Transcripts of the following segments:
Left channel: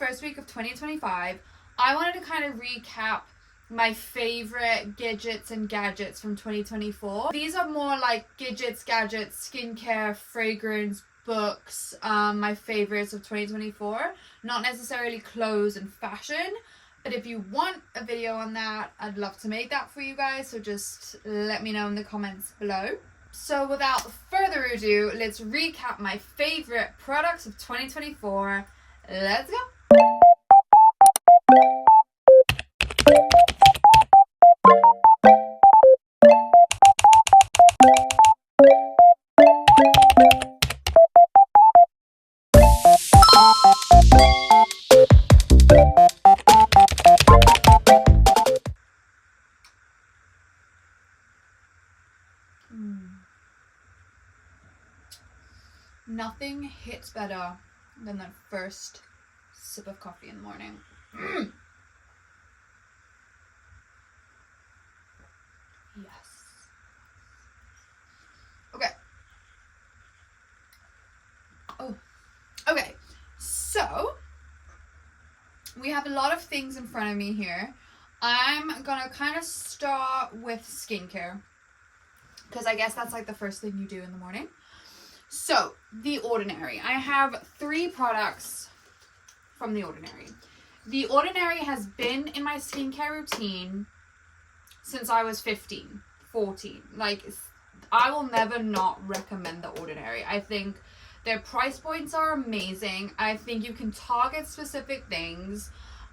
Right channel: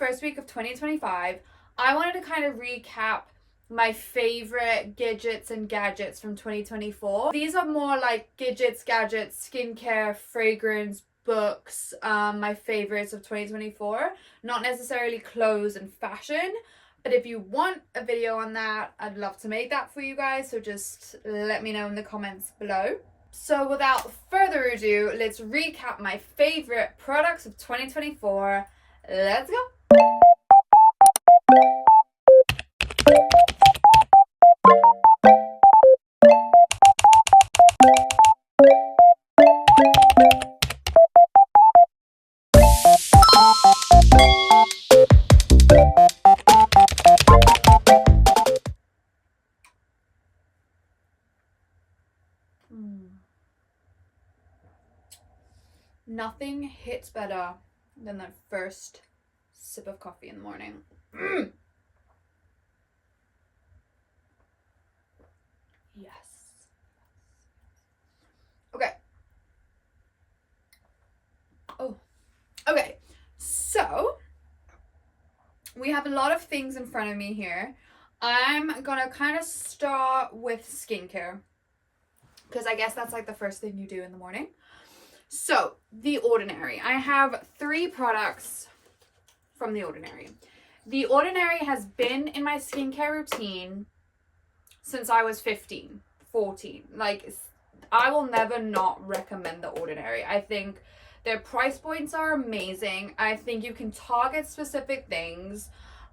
first week of 2025, I wanted to kind of recap my favorite gadgets and gadgets from 2024. These are more like gadgets, gadgets, skincare, fragrance, books, my favorites of 2024, not necessarily clothes and fashion. But if you want a video on that, I'd love to make that for you guys. So just let me know in the comments below. So without further ado, let's recap my favorite products of 2024. Let's go. Nothing hits better than that first sip of coffee in the morning. Yes. Okay. Oh, okay. So we have a lot of things in front of me here. I'm gonna kind of start with skincare because I guess that's like the first thing you do in the morning. So, The Ordinary. I have 3 products from The Ordinary. The Ordinary has been in my skincare routine since I was 15, 14. Like, I will never not recommend The Ordinary. I think their price points are amazing. I think you can target specific things.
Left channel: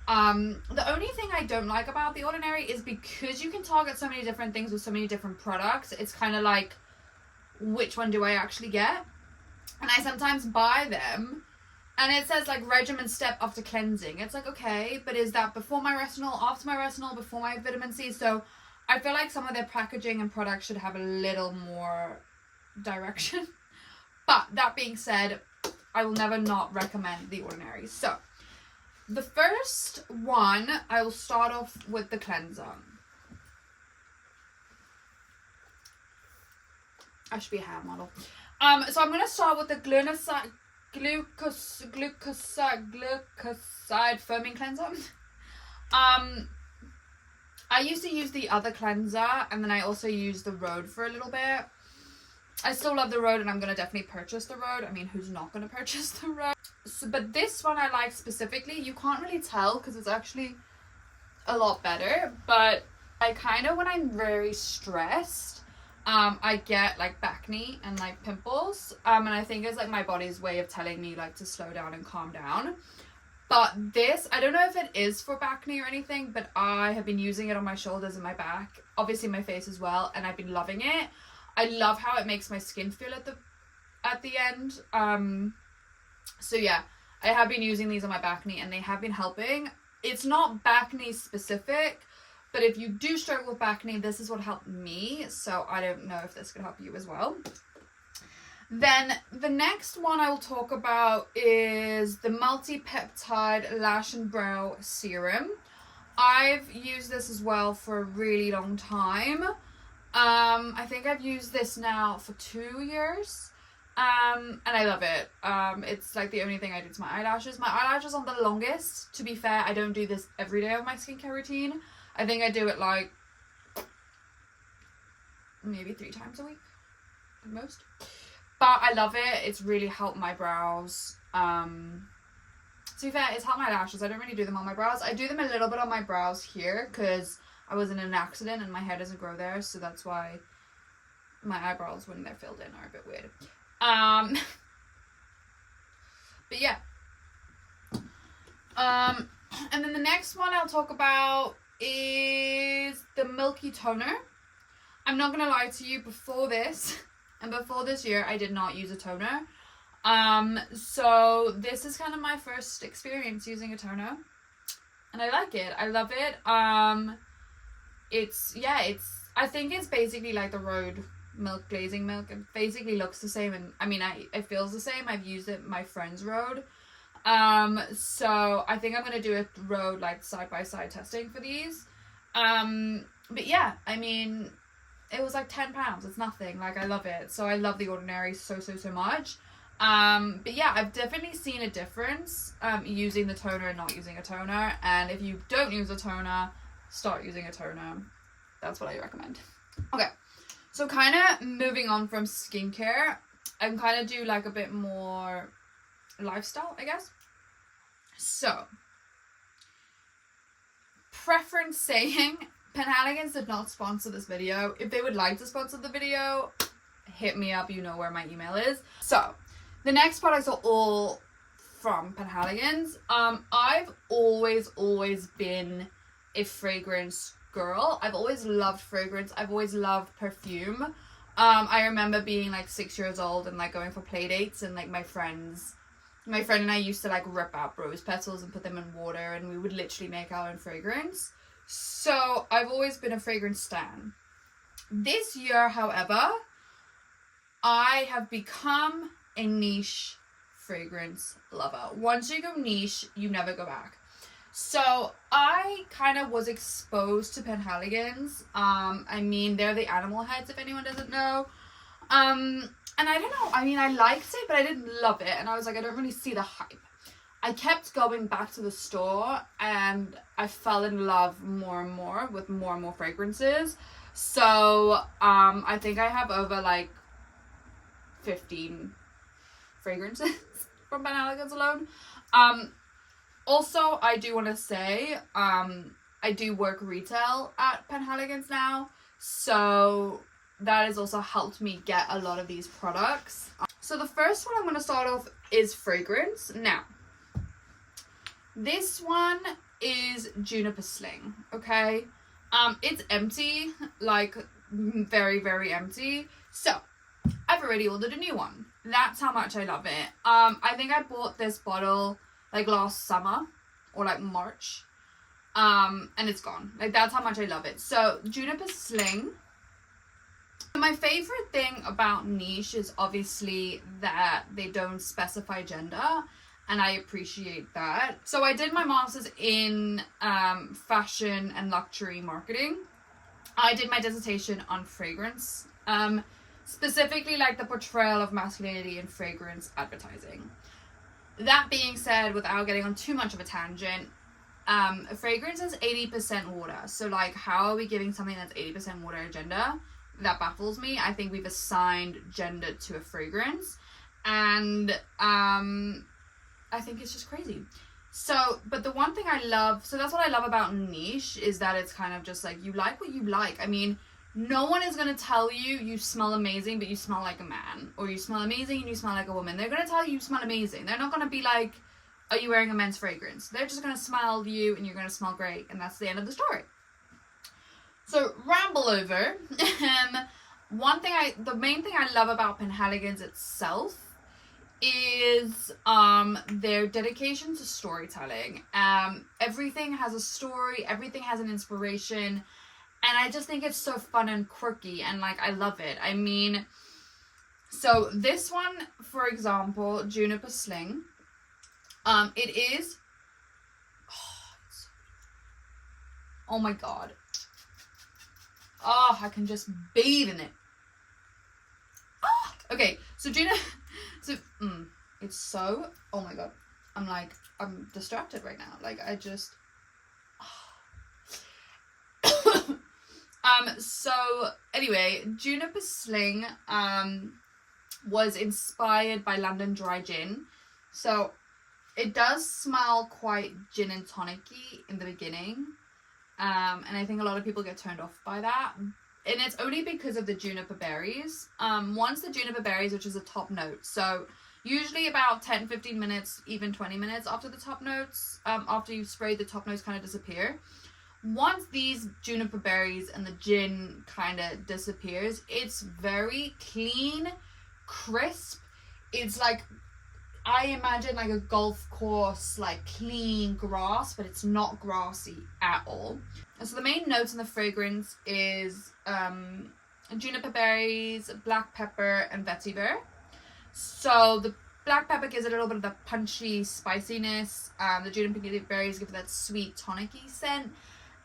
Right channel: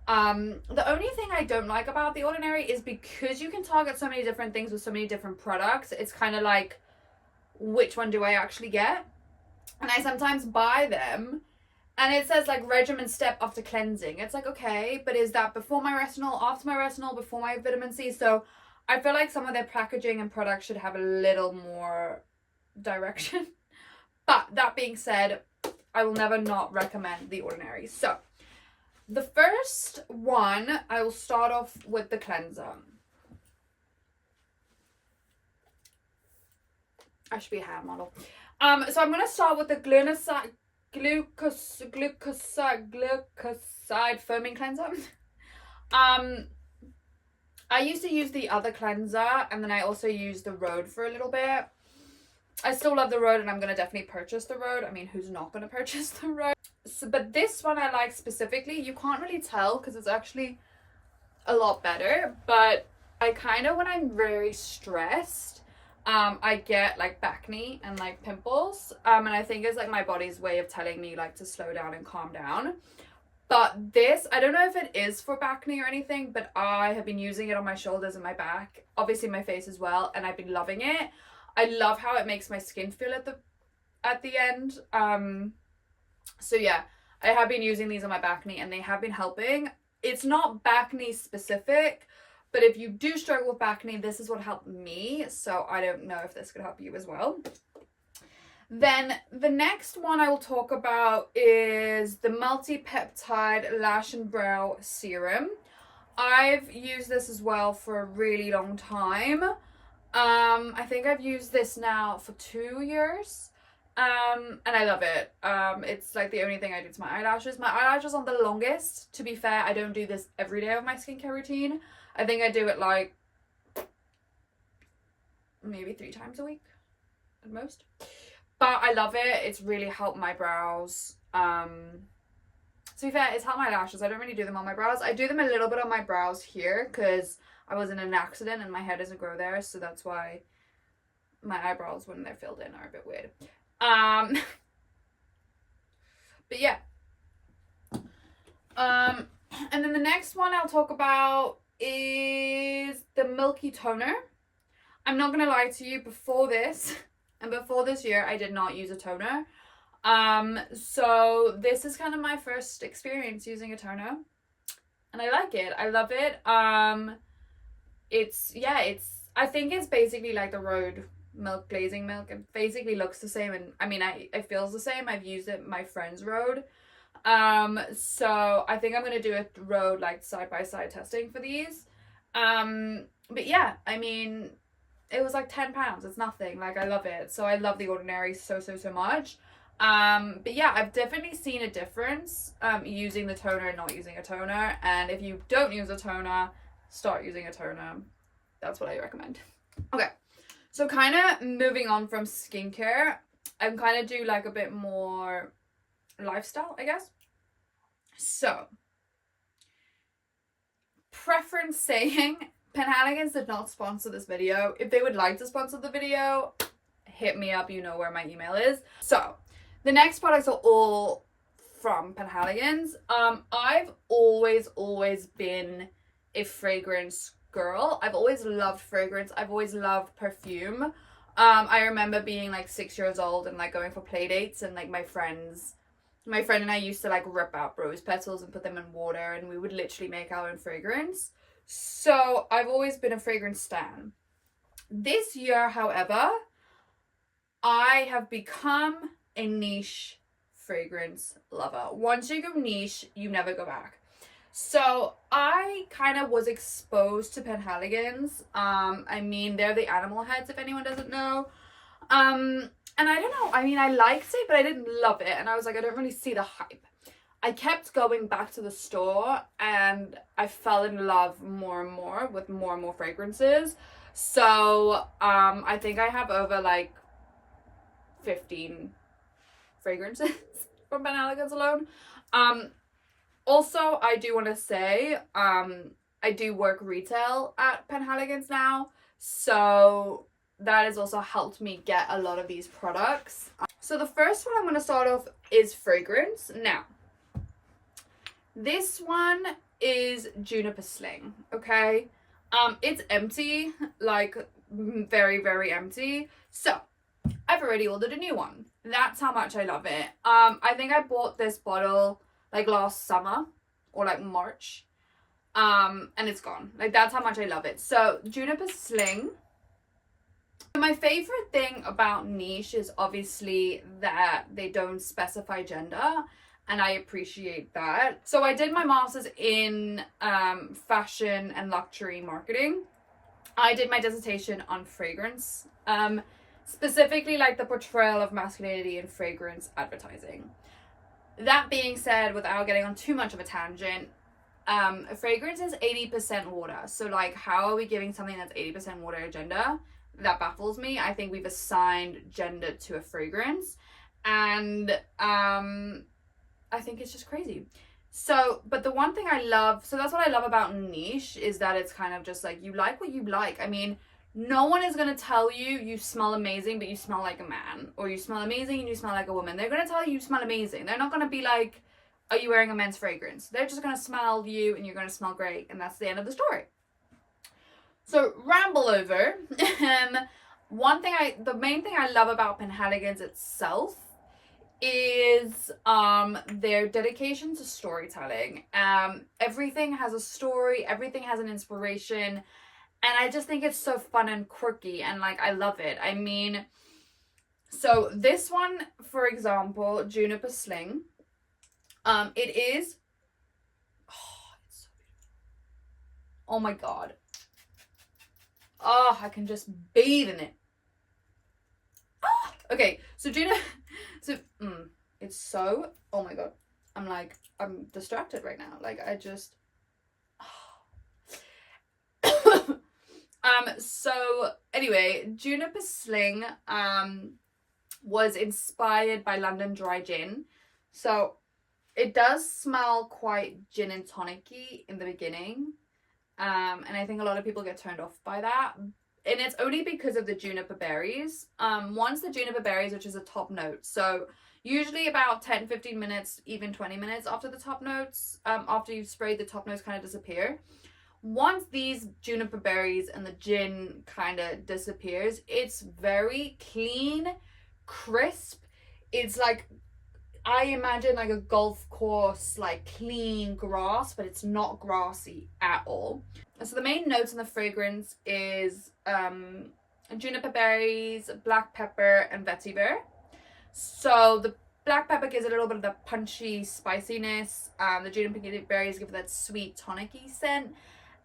The only thing I don't like about The Ordinary is because you can target so many different things with so many different products, it's kind of like, which one do I actually get? And I sometimes buy them and it says like regimen step after cleansing. It's like, okay, but is that before my retinol, after my retinol, before my vitamin C? So I feel like some of their packaging and products should have a little more direction. But that being said, I will never not recommend The Ordinary. So the first one, I will start off with the cleanser. I should be a hair model. So I'm gonna start with the glucoside foaming cleanser. I used to use the other cleanser, and then I also used the Rhode for a little bit. I still love the Rhode, and I'm gonna definitely purchase the Rhode. I mean, who's not gonna purchase the Rhode? So, but this one I like specifically. You can't really tell because it's actually a lot better. But I kind of, when I'm very stressed, I get like acne and like pimples, and I think it's like my body's way of telling me like to slow down and calm down. But this, I don't know if it is for acne or anything, but I have been using it on my shoulders and my back, obviously my face as well, and I've been loving it. I love how it makes my skin feel at the end. So yeah, I have been using these on my acne and they have been helping. It's not acne specific, but if you do struggle with acne, this is what helped me. So I don't know if this could help you as well. Then the next one I will talk about is the Multi-Peptide Lash and Brow Serum. I've used this as well for a really long time. I think I've used this now for 2 years. And I love it. It's like the only thing I do to my eyelashes. My eyelashes are the longest. To be fair, I don't do this every day of my skincare routine. I think I do it like maybe 3 times a week at most. But I love it. It's really helped my brows. To be fair, it's helped my lashes. I don't really do them on my brows. I do them a little bit on my brows here because I was in an accident and my hair doesn't grow there. So that's why my eyebrows, when they're filled in, are a bit weird. But yeah. And then the next one I'll talk about is the Milky Toner. I'm not gonna lie to you, before this and before this year I did not use a toner. So this is kind of my first experience using a toner and I like it. I love it. I think it's basically like the Rhode milk glazing milk. It basically looks the same, and I mean it feels the same. I've used it my friend's Rhode. So I think I'm gonna do a Rhode like side by side testing for these. But yeah, I mean, it was like £10. It's nothing. Like, I love it. So I love The Ordinary so much. But yeah, I've definitely seen a difference using the toner and not using a toner. And if you don't use a toner, start using a toner. That's what I recommend. Okay, so kind of moving on from skincare, I'm kind of do like a bit more lifestyle, I guess. So, preference saying, Penhaligon's did not sponsor this video. If they would like to sponsor the video, hit me up. You know where my email is. So, the next products are all from Penhaligon's. I've always been a fragrance girl. I've always loved fragrance. I've always loved perfume. I remember being like 6 years old and like going for play dates, and like my friend and I used to like rip out rose petals and put them in water, and we would literally make our own fragrance. So I've always been a fragrance stan. This year, however, I have become a niche fragrance lover. Once you go niche, you never go back. So I kind of was exposed to Penhaligon's. I mean, they're the Animal Heads, if anyone doesn't know. And I don't know, I mean, I liked it, but I didn't love it. And I was like, I don't really see the hype. I kept going back to the store, and I fell in love more and more with more and more fragrances. So I think I have over like 15 fragrances from Penhaligon's alone. Also, I do want to say, I do work retail at Penhaligon's now, so that has also helped me get a lot of these products. So the first one I'm going to start off is fragrance. Now, this one is Juniper Sling, okay? It's empty, like very, very empty. So, I've already ordered a new one. That's how much I love it. I think I bought this bottle like last summer or like March, and it's gone. Like, that's how much I love it. So Juniper Sling. My favorite thing about niche is obviously that they don't specify gender, and I appreciate that. So I did my master's in fashion and luxury marketing. I did my dissertation on fragrance, specifically like the portrayal of masculinity in fragrance advertising. That being said, without getting on too much of a tangent, a fragrance is 80% water. So like, how are we giving something that's 80% water a gender? That baffles me. I think we've assigned gender to a fragrance, and I think it's just crazy. So, but the one thing I love, so that's what I love about niche, is that it's kind of just like, you like what you like. I mean, no one is going to tell you you smell amazing, but you smell like a man, or you smell amazing and you smell like a woman. They're going to tell you smell amazing. They're not going to be like, are you wearing a men's fragrance? They're just going to smell you and you're going to smell great, and that's the end of the story. So, ramble over. The main thing I love about Penhaligon's itself is their dedication to storytelling. Everything has a story, everything has an inspiration, and I just think it's so fun and quirky, and like, I love it. I mean, so this one, for example, Juniper Sling, it is, oh my god, oh, I can just bathe in it. Okay, so it's so, oh my god, I'm distracted right now. Like, I just, so anyway, Juniper Sling, was inspired by London Dry Gin. So it does smell quite gin and tonic-y in the beginning. And I think a lot of people get turned off by that. And it's only because of the juniper berries. Once the juniper berries, which is a top note. So usually about 10-15 minutes, even 20 minutes after the top notes, after you've sprayed, the top notes kind of disappear. Once these juniper berries and the gin kind of disappears, it's very clean, crisp. It's like, I imagine like a golf course, like clean grass, but it's not grassy at all. And so the main notes in the fragrance is juniper berries, black pepper, and vetiver. So the black pepper gives it a little bit of the punchy spiciness. The juniper berries give it that sweet tonic-y scent.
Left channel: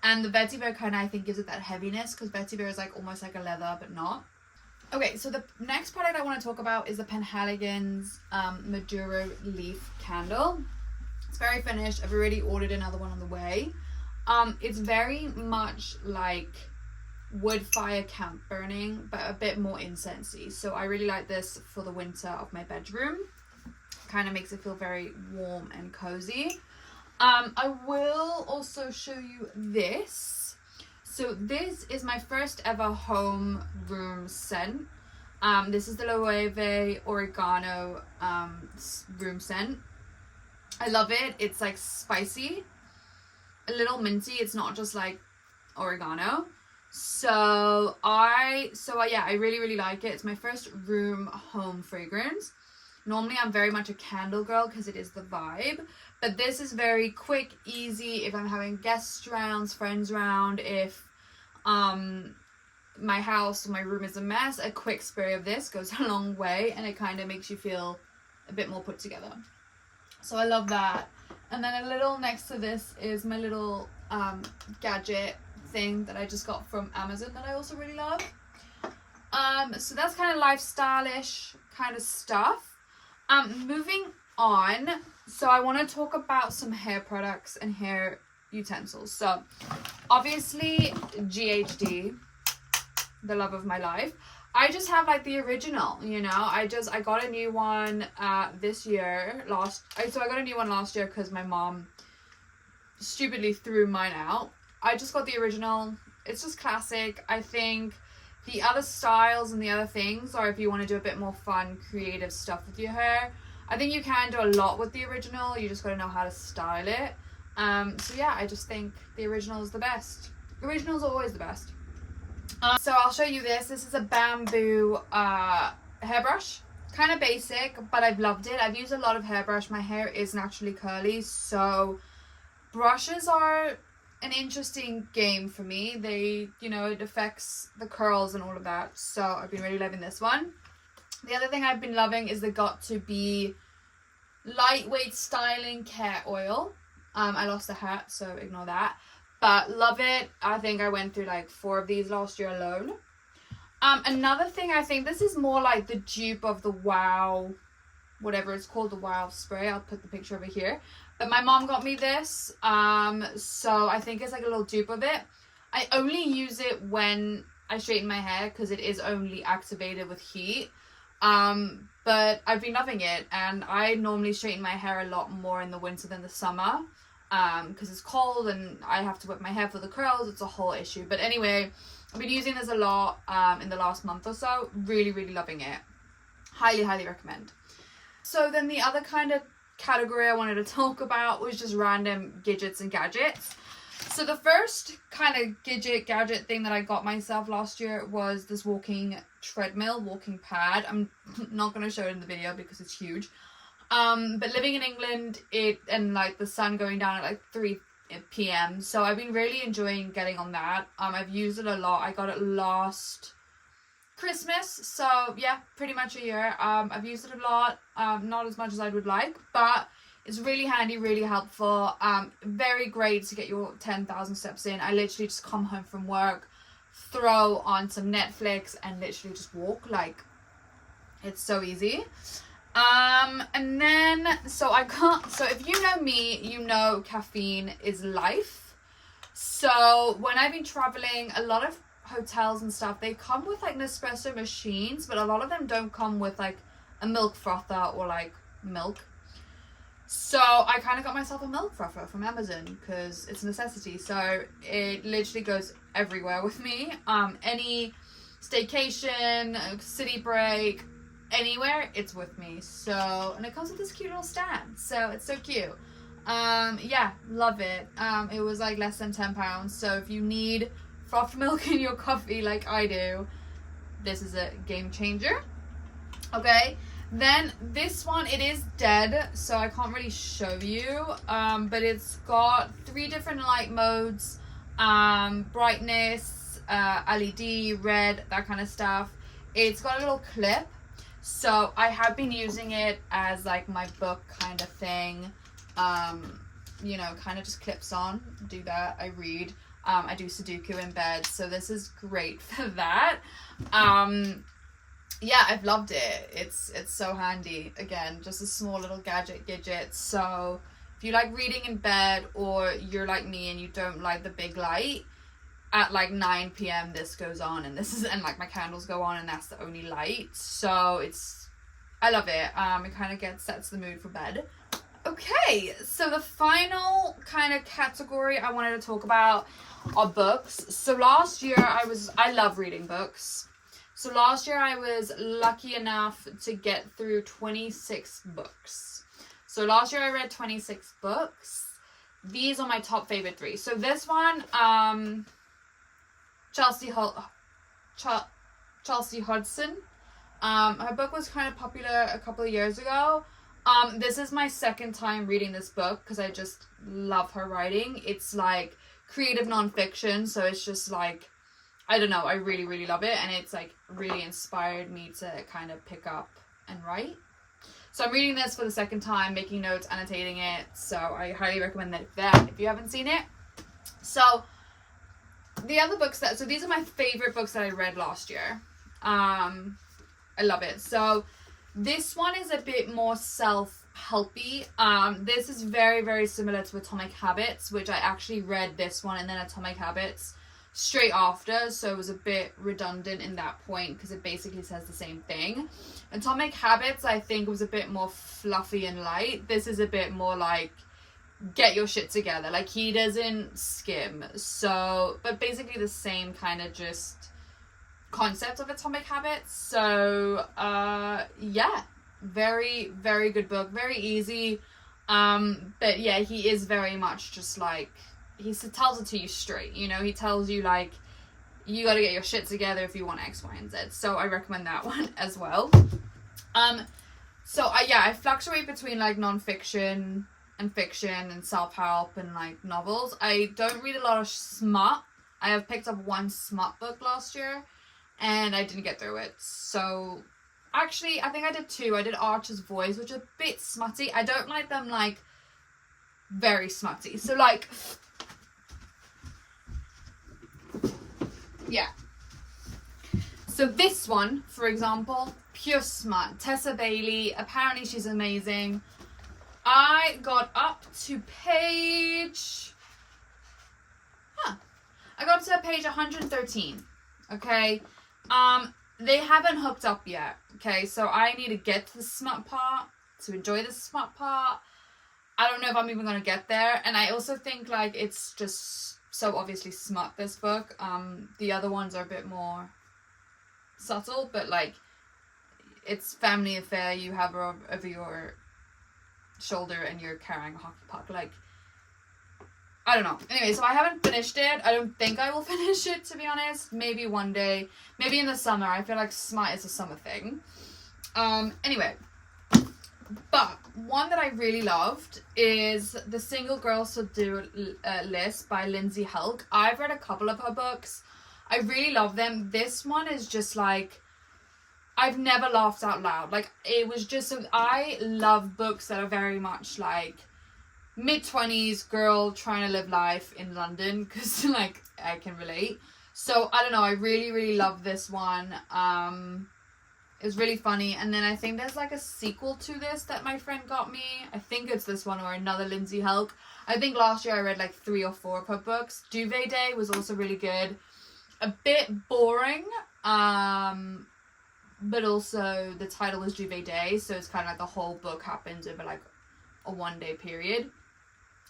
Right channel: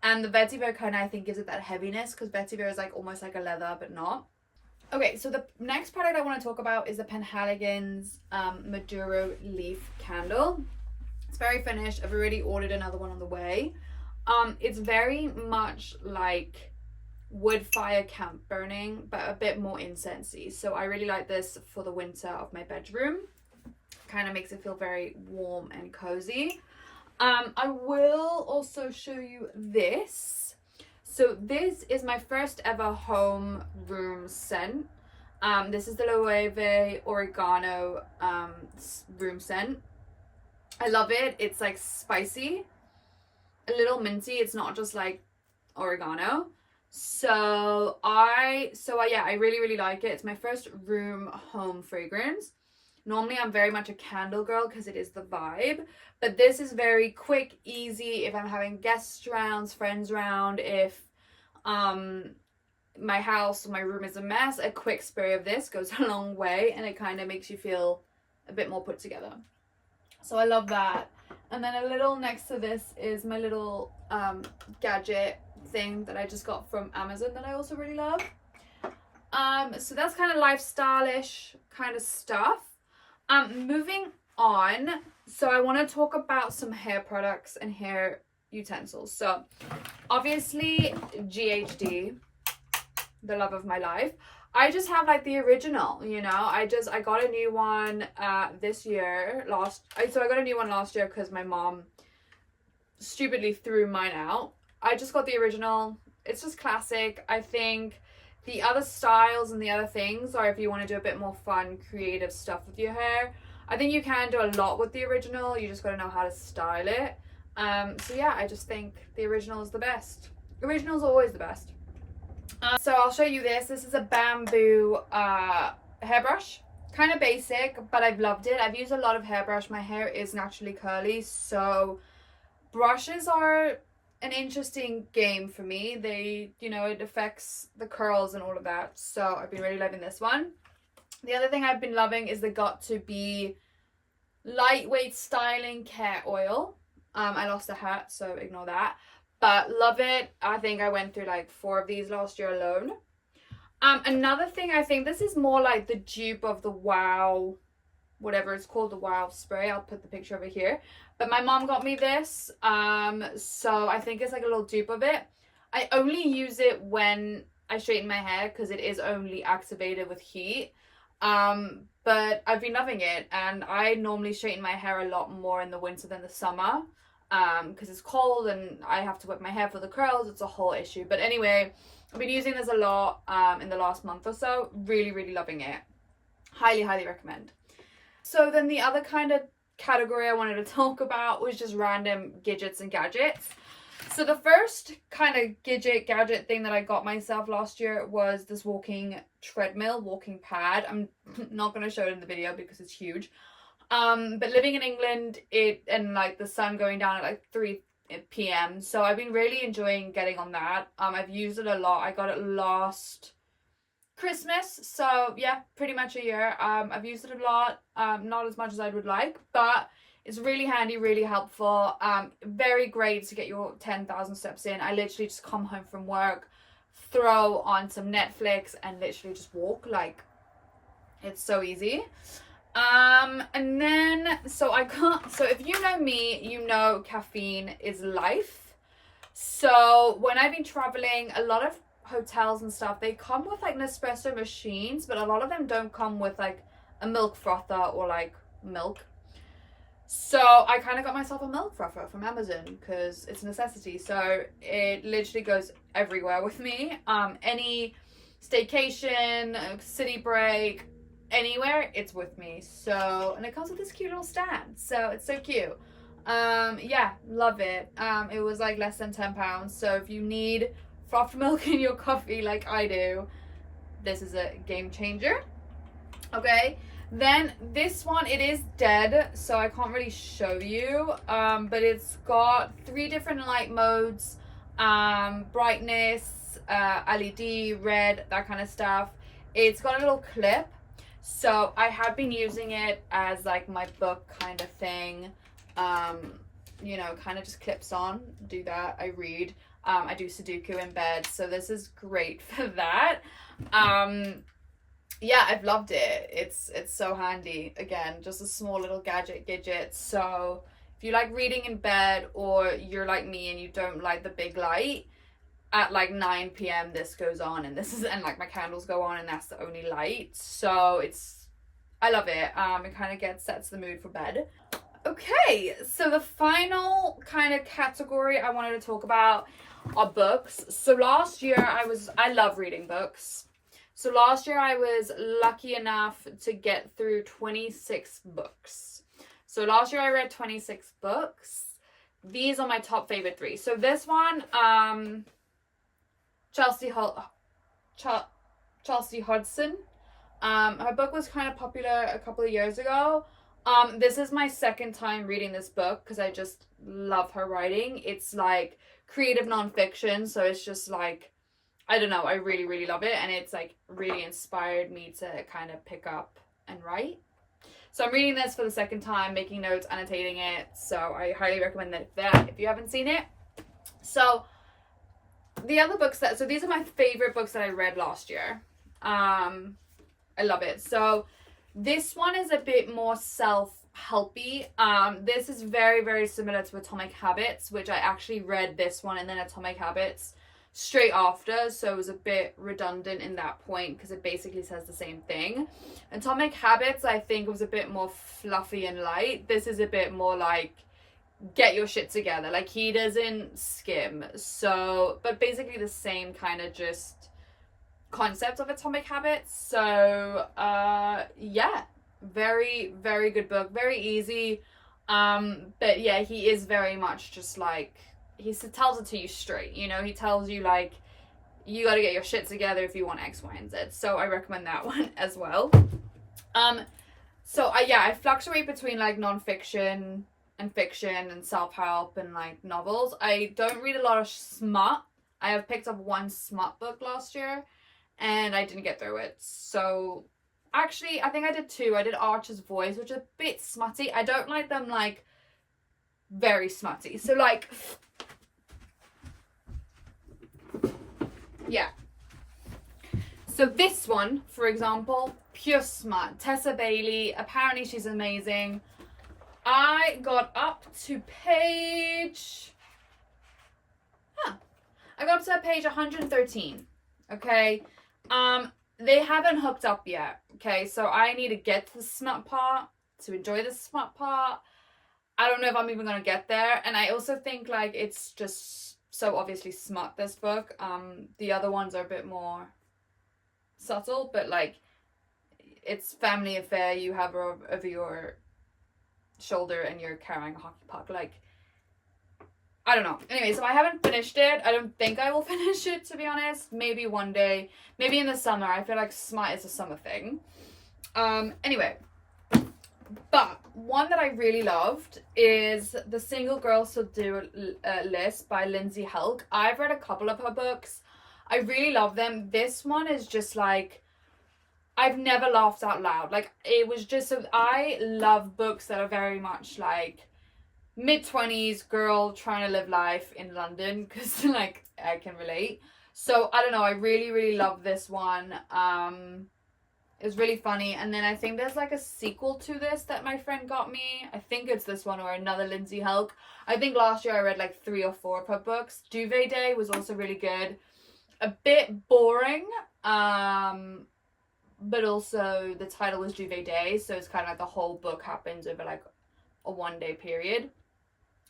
And the vetiver kind of, I think, gives it that heaviness, because vetiver is like almost like a leather, but not. Okay, so the next product I want to talk about is the Penhaligon's Maduro Leaf Candle. It's very finished. I've already ordered another one on the way. It's very much like wood fire camp burning, but a bit more incensey. So I really like this for the winter of my bedroom. Kind of makes it feel very warm and cozy. I will also show you this. So this is my first ever home room scent. This is the Loewe Oregano room scent. I love it. It's like spicy, a little minty. It's not just like oregano. So I really, really like it. It's my first room home fragrance. Normally I'm very much a candle girl because it is the vibe, but this is very quick, easy if I'm having guests round, friends round, if my house, my room is a mess, a quick spray of this goes a long way, and it kind of makes you feel a bit more put together. So I love that. And then a little next to this is my little gadget thing that I just got from Amazon that I also really love. So that's kind of lifestyle-ish kind of stuff. Moving on, so I want to talk about some hair products and hair utensils. So obviously GHD, the love of my life. I just have like the original, you know. I got a new one this year. I got a new one last year because my mom stupidly threw mine out. I just got the original. It's just classic. I think the other styles and the other things are if you want to do a bit more fun, creative stuff with your hair. I think you can do a lot with the original. You just got to know how to style it. So yeah, I just think the original is the best. Original is always the best. So I'll show you this. This is a bamboo hairbrush. Kind of basic, but I've loved it. I've used a lot of hairbrush. My hair is naturally curly, so brushes are an interesting game for me. They, you know, it affects the curls and all of that. So I've been really loving this one. The other thing I've been loving is the Got2b lightweight styling care oil. I lost a hat, so ignore that. But love it. I think I went through like 4 of these last year alone. Another thing, I think this is more like the dupe of the Wow, whatever it's called, the Wow spray. I'll put the picture over here. But my mom got me this, so I think it's like a little dupe of it. I only use it when I straighten my hair because it is only activated with heat. But I've been loving it, and I normally straighten my hair a lot more in the winter than the summer because it's cold and I have to whip my hair for the curls. It's a whole issue. But anyway, I've been using this a lot in the last month or so. Really, really loving it. Highly, highly recommend. So then the other kind of category I wanted to talk about was just random gadgets and gadgets. So the first kind of gadget thing that I got myself last year was this walking pad. I'm not going to show it in the video because it's huge. But living in England, and like the sun going down at like 3 p.m. So I've been really enjoying getting on that. I've used it a lot. I got it last Christmas, so yeah, pretty much a year. I've used it a lot, not as much as I would like, but it's really handy, really helpful. Very great to get your 10,000 steps in. I literally just come home from work, throw on some Netflix, and literally just walk. Like, it's so easy. And then so if you know me, you know caffeine is life. So when I've been traveling, a lot of hotels and stuff, they come with like Nespresso machines, but a lot of them don't come with like a milk frother or like milk. So I kind of got myself a milk frother from Amazon because it's a necessity. So it literally goes everywhere with me. Any staycation, city break, anywhere, it's with me. So, and it comes with this cute little stand, so it's so cute. Yeah, love it. It was like less than £10. So if you need frothed milk in your coffee like I do, this is a game changer. Okay, then this one, it is dead, so I can't really show you, but it's got 3 different light modes, brightness, LED, red, that kind of stuff. It's got a little clip, so I have been using it as like my book kind of thing. You know, kind of just clips on, do that, I read. I do Sudoku in bed, so this is great for that. yeah, I've loved it. It's so handy. Again, just a small little gadget. So if you like reading in bed, or you're like me and you don't like the big light, at like 9 p.m. this goes on, and like my candles go on, and that's the only light. So I love it. It kind of sets the mood for bed. Okay, so the final kind of category I wanted to talk about are books. So last year I love reading books. So last year I was lucky enough to get through 26 books. So last year I read 26 books. These are my top favorite 3. So this one, Chelsea Hodgson. Her book was kind of popular a couple of years ago. This is my second time reading this book because I just love her writing. It's like creative nonfiction, so it's just like, I don't know, I really, really love it, and it's like really inspired me to kind of pick up and write. So I'm reading this for the second time, making notes, annotating it, so I highly recommend that if you haven't seen it. So the other books so these are my favorite books that I read last year. I love it. So this one is a bit more self-helpy. This is very, very similar to Atomic Habits, which I actually read this one and then Atomic Habits straight after, so it was a bit redundant in that point because it basically says the same thing. Atomic Habits, I think, was a bit more fluffy and light. This is a bit more like, get your shit together. Like, he doesn't skim. So, but basically the same kind of just concept of Atomic Habits. So yeah, very, very good book, very easy. But yeah, he is very much just like, he tells it to you straight, you know. He tells you like, you got to get your shit together if you want X, Y, and Z. So I recommend that one as well. So I fluctuate between like non-fiction and fiction and self-help and like novels. I don't read a lot of smut. I have picked up one smut book last year and I didn't get through it. So actually, I think I did 2. I did Archer's Voice, which is a bit smutty. I don't like them like very smutty. So like, yeah. So this one, for example, pure smut. Tessa Bailey. Apparently she's amazing. I got up to page... I got to page 113. Okay. They haven't hooked up yet. Okay. So I need to get to the smut part to enjoy the smut part. I don't know if I'm even going to get there. And I also think like it's just so obviously smut, this book. The other ones are a bit more subtle, but like it's family affair. You have her over your shoulder and you're carrying a hockey puck. Like, I don't know. Anyway, so I haven't finished it. I don't think I will finish it, to be honest. Maybe one day. Maybe in the summer. I feel like smut is a summer thing. Anyway. But one that I really loved is The Single Girl Subdue List by Lindsay Helk. I've read a couple of her books. I really love them. This one is just like, I've never laughed out loud. Like, it was just so, I love books that are very much like mid-20s girl trying to live life in London, because like I can relate. So I don't know, I really, really love this one. It was really funny. And then I think there's like a sequel to this that my friend got me. I think it's this one or another Lindsay Helk. I think last year I read like 3 or 4 of her books. Duvet Day was also really good. A bit boring, but also the title was Duvet Day, so it's kind of like the whole book happens over like a 1-day period.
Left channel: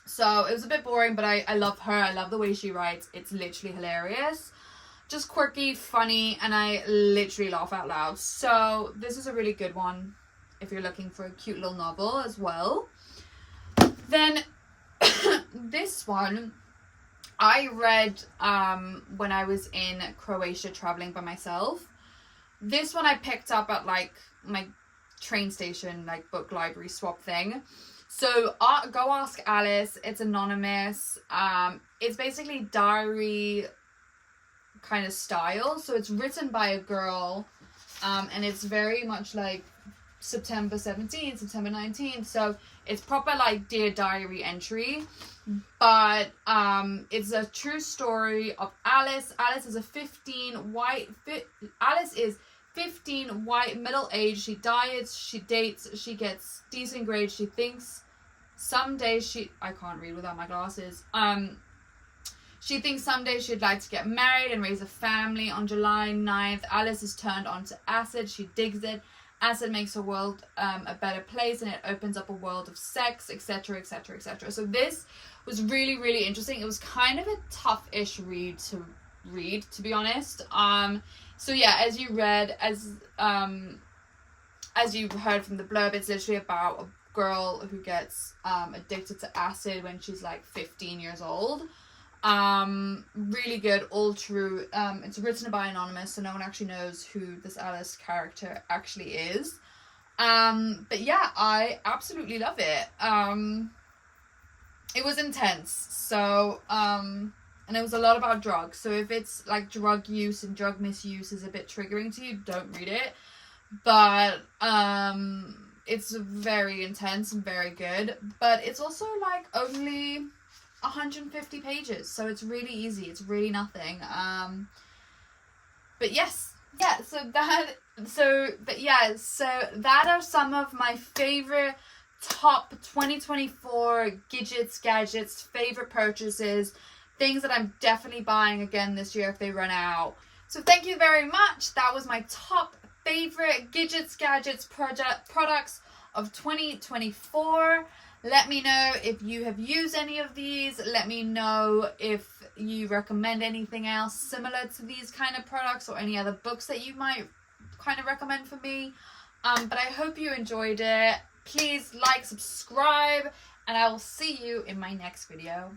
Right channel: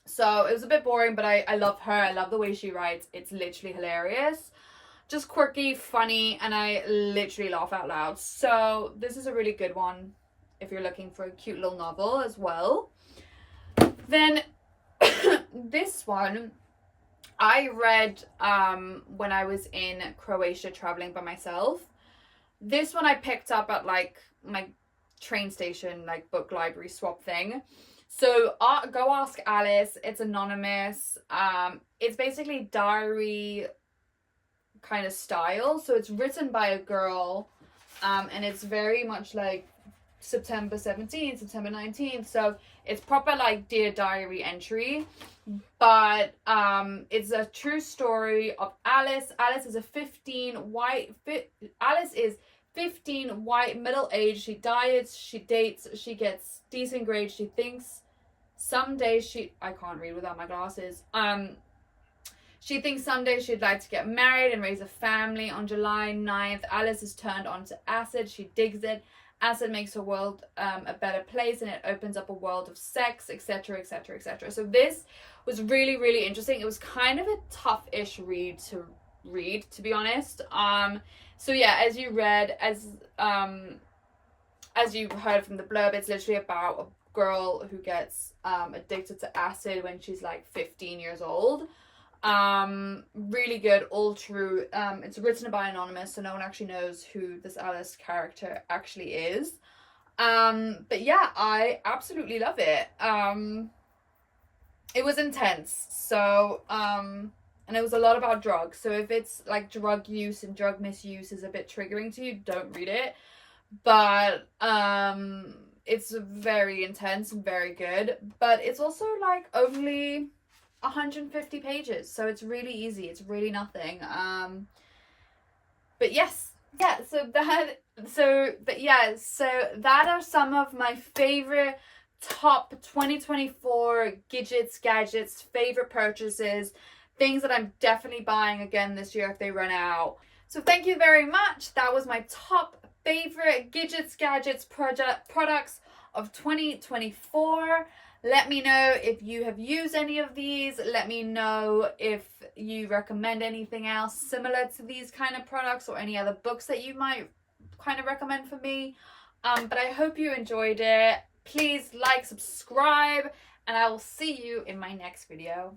So it was a bit boring, but I love her. I love the way she writes. It's literally hilarious. Just quirky, funny, and I literally laugh out loud. So this is a really good one if you're looking for a cute little novel as well. Then this one I read when I was in Croatia traveling by myself. This one I picked up at like my train station, like book library swap thing. So Go Ask Alice. It's anonymous. It's basically diary kind of style. So it's written by a girl, and it's very much like September 17th, September 19th. So it's proper like Dear Diary entry, but it's a true story of Alice. Alice is 15, white, middle-aged. She diets, she dates, she gets decent grades. She thinks someday I can't read without my glasses. She thinks someday she'd like to get married and raise a family. On July 9th, Alice is turned onto acid. She digs it. Acid makes her world a better place, and it opens up a world of sex, etc, etc, etc. So this was really, really interesting. It was kind of a tough-ish read, to be honest. So yeah, as you heard from the blurb, it's literally about a girl who gets addicted to acid when she's like 15 years old. Really good, all true. It's written by anonymous, so no one actually knows who this Alice character actually is. But yeah, I absolutely love it. It was intense, so and it was a lot about drugs, so if it's like drug use and drug misuse is a bit triggering to you, don't read it. But it's very intense and very good, but it's also like only 150 pages, so it's really easy, it's really nothing. But yes, yeah, so that are some of my favorite top 2024 gadgets, favorite purchases, things that I'm definitely buying again this year if they run out. So thank you very much. That was my top favorite gadgets products of 2024. Let me know if you have used any of these. Let me know if you recommend anything else similar to these kind of products, or any other books that you might kind of recommend for me. But I hope you enjoyed it. Please like, subscribe, and I will see you in my next video.